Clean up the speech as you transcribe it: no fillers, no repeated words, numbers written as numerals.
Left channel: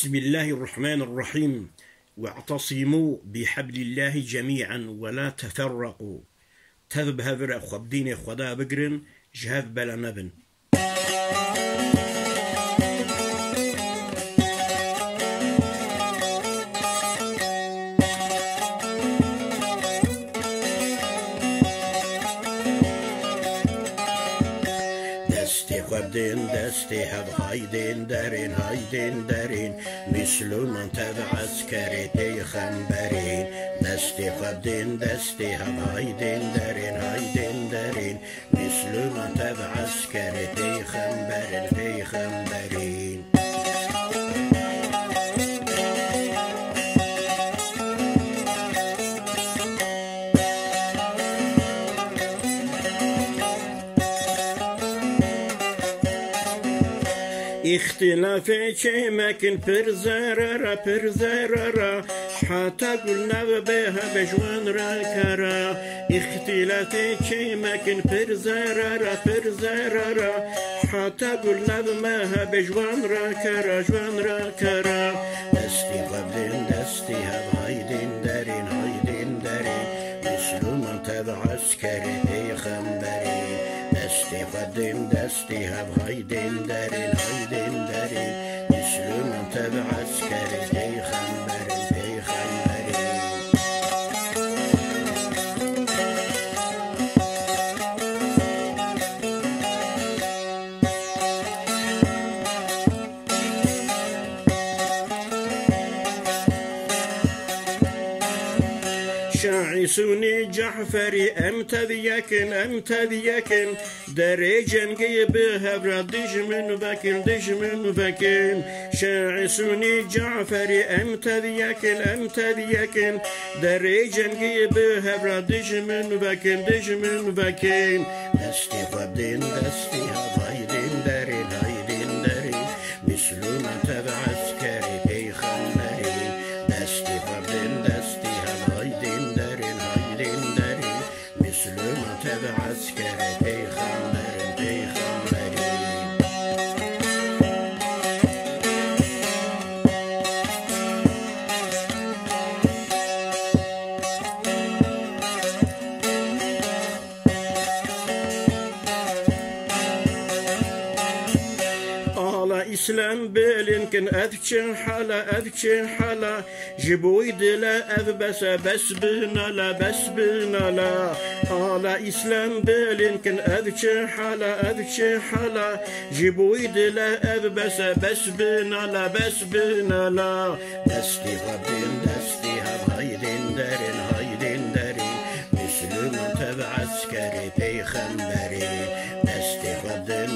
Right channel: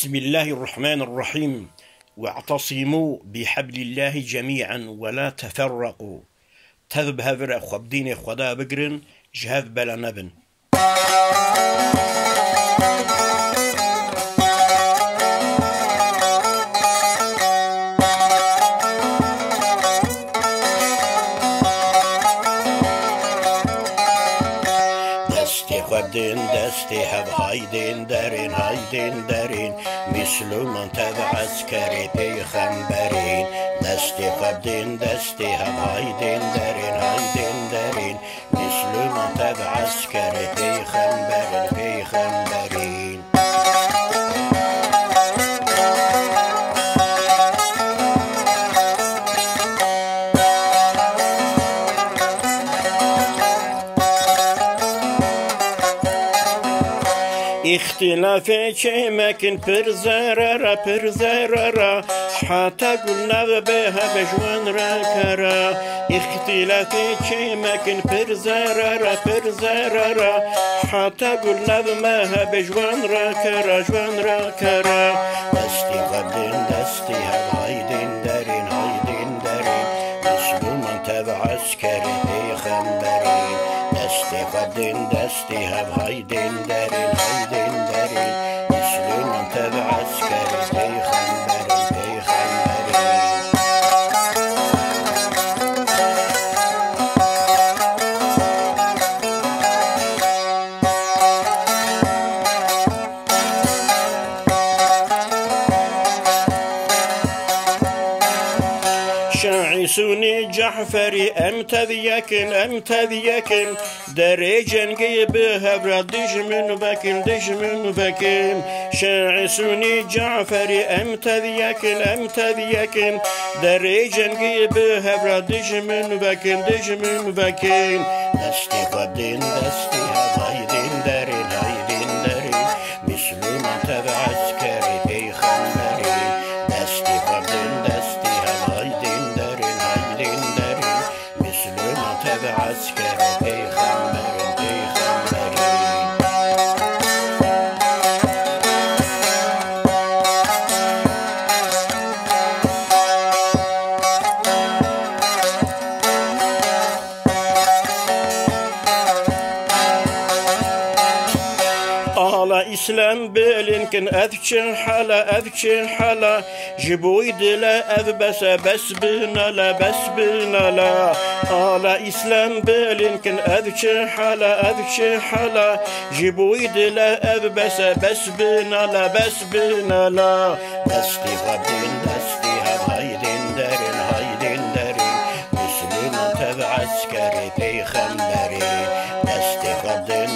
بسم الله الرحمن الرحيم. واعتصموا بحبل الله جميعا ولا تفرقوا. تذب هفر خبدين خدا بقرن جهاذ بلا نبن. دستی خبدين دستی هب هايدين دارين مسلمان تبع عسكري پیغمبرين. دستی خبدين دستی هب هايدين دارين مسلمان تبع عسكري پیغمبرين. اختلافي چمكن پر زرارا حتى قلنا بها بجوان راكرا. اختلافي چمكن پر زرارا حتى قلنا بها بجوان راكرا. دستي خبدين دستي هايدين دارين مسلمان تبع عسكري پیغمبرين. دستی خبدين دستی هب هايدين دارين مسلمان تبع عسكري پیغمبرين. شاعسوني جعفري امتذيكن دري جنگي بهبرا دجمن وكن. شاعسوني جعفري امتذيكن دري جنگي بهبرا دجمن وكن. دستي خبدين دستي هايدين دارين مسلمان تبع عسكري پیغمبرين. دستي خبدين دستي هايدين دارين مسلمان تبع عسكري پیغمبرين. İslam belinkin eذçin hala jiboy dile evbese besbinala. Ala İslam belinkin eذçin hala jiboy dile evbese besbinala. Desti khbdin desti hab haydin darin Müslüman tebع عسكري پیغمبرين. دesti khbdin